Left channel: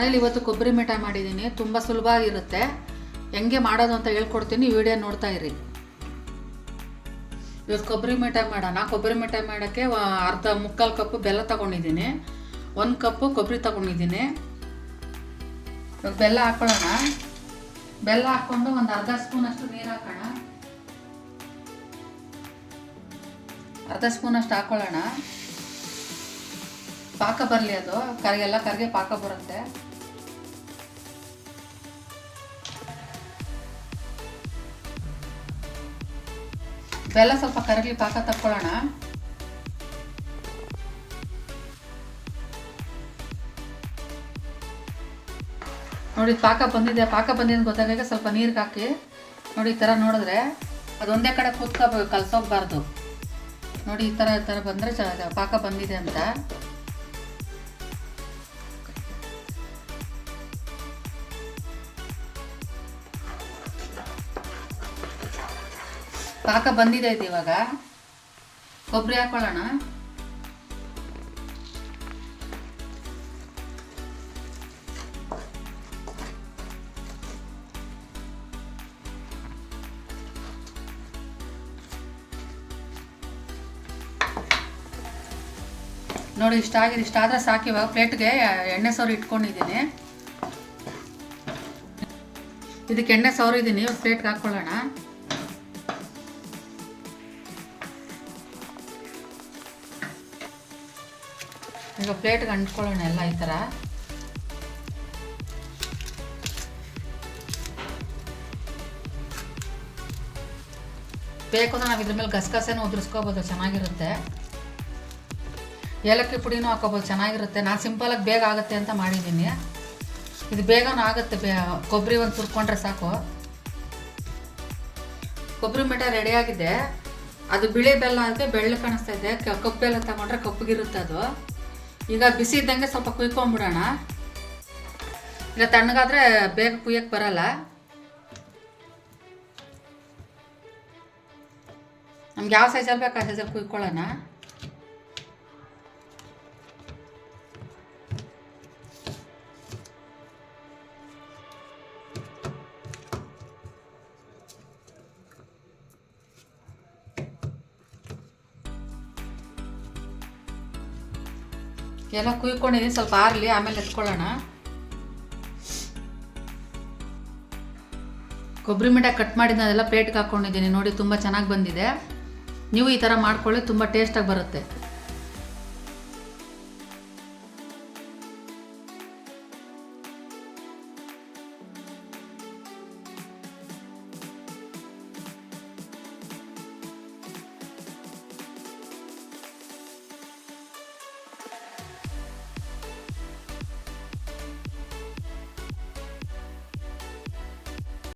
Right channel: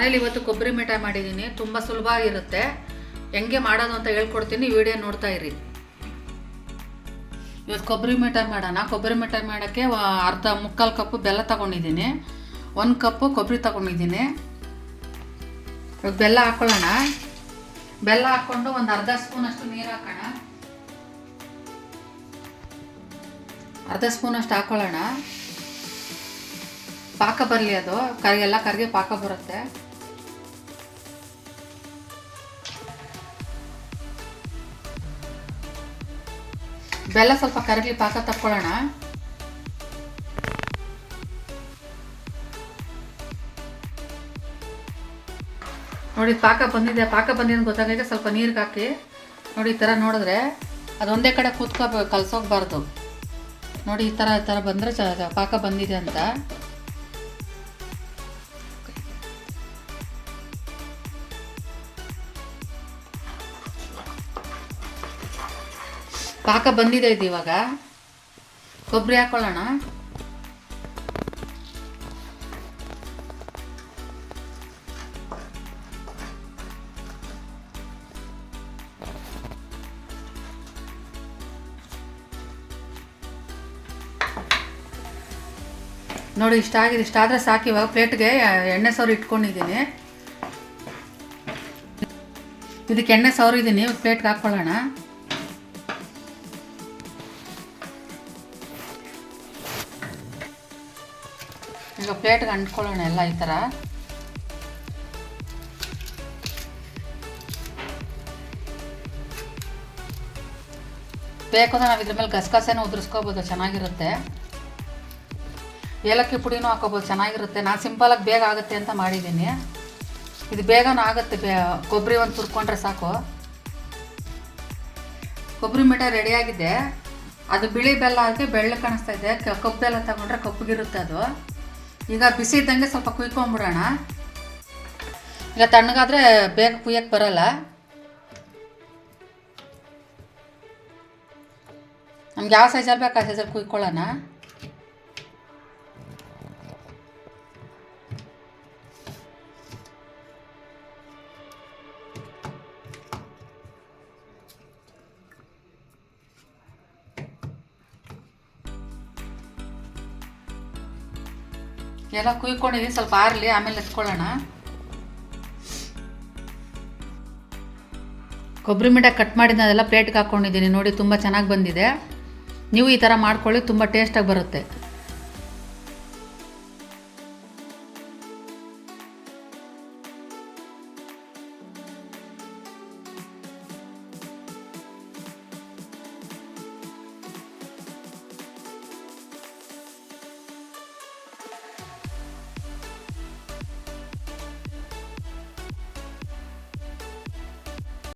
ಮನೇಲಿ ಇವತ್ತು ಕೊಬ್ಬರಿ ಮಿಠಾಯಿ ಮಾಡಿದ್ದೀನಿ. ತುಂಬ ಸುಲಭವಾಗಿರುತ್ತೆ. ಹೆಂಗೆ ಮಾಡೋದು ಅಂತ ಹೇಳ್ಕೊಡ್ತೀನಿ, ವಿಡಿಯೋ ನೋಡ್ತಾ ಇರಿ. ಇವತ್ತು ಕೊಬ್ಬರಿ ಮಿಠಾಯಿ ಮಾಡೋಣ. ಕೊಬ್ಬರಿ ಮಿಠಾಯಿ ಮಾಡೋಕ್ಕೆ ಮುಕ್ಕಾಲು ಕಪ್ಪು ಬೆಲ್ಲ ತಗೊಂಡಿದ್ದೀನಿ, 1 ಕಪ್ಪು ಕೊಬ್ಬರಿ ತಗೊಂಡಿದ್ದೀನಿ. ಇವಾಗ ಬೆಲ್ಲ ಹಾಕೊಳ್ಳೋಣ. ಬೆಲ್ಲ ಹಾಕ್ಕೊಂಡು ಒಂದು ಅರ್ಧ ಸ್ಪೂನಷ್ಟು ನೀರು ಹಾಕೋಣ. ಅರ್ಧ ಸ್ಪೂನಷ್ಟು ಹಾಕೊಳ್ಳೋಣ. ಪಾಕ ಬರಲಿ, ಅದು ಎಲ್ಲ ಕರಿಗೆ ಪಾಕ ಬರುತ್ತೆ. ಬೆಲ್ಲ ಸ್ವಲ್ಪ ಕರಗಲಿ, ಪಾಕ ತಕ್ಕೊಳ್ಳೋಣ. ನೋಡಿ ಪಾಕ ಬಂದಿದೆ. ಪಾಕ ಬಂದಿದೆ ಗೊತ್ತಾಗ ಸ್ವಲ್ಪ ನೀರಿಗೆ ಹಾಕಿ ನೋಡಿ. ಈ ಥರ ನೋಡಿದ್ರೆ ಅದೊಂದೇ ಕಡೆ ಕೂತ್ಕೋಬೇಕು, ಕಲಸೋಗ್ಬಾರ್ದು. ನೋಡಿ ಈ ಥರ ಬಂದರೆ ಪಾಕ ಬಂದಿದೆ ಅಂತ. ಪಾಕ ಬಂದಿದೆ ಇದು. ಇವಾಗ ಕೊಬ್ಬರಿ ಹಾಕೊಳ್ಳೋಣ. ನೋಡಿ ಇಷ್ಟಾಗಿದೆ. ಇಷ್ಟಾದರೆ ಸಾಕು. ಇವಾಗ ಪ್ಲೇಟ್ಗೆ ಎಣ್ಣೆ ಸೌರು ಇಟ್ಕೊಂಡಿದ್ದೀನಿ. ಇದಕ್ಕೆ ಎಣ್ಣೆ ಸೌರಿದ್ದೀನಿ. ಪ್ಲೇಟ್ಗೆ ಹಾಕ್ಕೊಳ್ಳೋಣ. ಈಗ ಪ್ಲೇಟ್ಗೆ ಅಂಟ್ಕೊಳ್ಳೋಣ ಎಲ್ಲ ಈ ಥರ. ಬೇಕು ಅಂದರೆ ನಾವು ಇದ್ರ ಮೇಲೆ ಗಸಗಸೆನೂ ಉದುರಿಸ್ಕೋಬೋದು, ಚೆನ್ನಾಗಿರುತ್ತೆ. ಏಲಕ್ಕಿ ಪುಡಿನೂ ಹಾಕೋಬೋದು, ಚೆನ್ನಾಗಿರುತ್ತೆ. ನಾನು ಸಿಂಪಲಾಗಿ ಬೇಗ ಆಗುತ್ತೆ ಅಂತ ಮಾಡಿದ್ದೀನಿ. ಇದು ಬೇಗನೂ ಆಗುತ್ತೆ. ಕೊಬ್ಬರಿ ಒಂದು ತುರ್ಕೊಂಡ್ರೆ ಸಾಕು. ಕೊಬ್ಬರಿ ಮಿಠಾಯಿ ರೆಡಿಯಾಗಿದೆ. ಅದು ಬಿಳಿ ಬೆಲ್ಲ ಅದಕ್ಕೆ ಬೆಳ್ಳ ಕಾಣಿಸ್ತಾ ಇದೆ. ಕಪ್ಪು ಬೆಲ್ಲ ತಗೊಂಡ್ರೆ ಕಪ್ಪಗಿರುತ್ತೆ ಅದು. ಈಗ ಬಿಸಿ ಇದ್ದಂಗೆ ಸ್ವಲ್ಪ ಕುಯ್ಕೊಂಬಿಡೋಣ. ಇಲ್ಲ ತಣ್ಣಗಾದರೆ ಬೇಗ ಕುಯ್ಯಕ್ಕೆ ಬರಲ್ಲ. ನಮ್ಗೆ ಯಾವ ಸೈಜಲ್ಲಿ ಬೇಕು ಆ ಸೈಜಲ್ಲಿ ಕುಯ್ಕೊಳ್ಳೋಣ. ಎಲ್ಲ ಕುಯ್ಕೊಂಡಿದ್ದೀನಿ, ಸ್ವಲ್ಪ ಆರಲಿ, ಆಮೇಲೆ ಎತ್ಕೊಳ್ಳೋಣ. ಕೊಬ್ಬರಿ ಮಿಠಾಯಿ ಕಟ್ ಮಾಡಿದ ಅದೆಲ್ಲ ಪ್ಲೇಟ್ಗೆ ಹಾಕ್ಕೊಂಡಿದ್ದೀನಿ. ನೋಡಿ ತುಂಬ ಚೆನ್ನಾಗಿ ಬಂದಿದೆ. ನೀವು ಈ ಥರ ಮಾಡ್ಕೊಳ್ಳಿ, ತುಂಬ ಟೇಸ್ಟಾಗಿ ಬರುತ್ತೆ.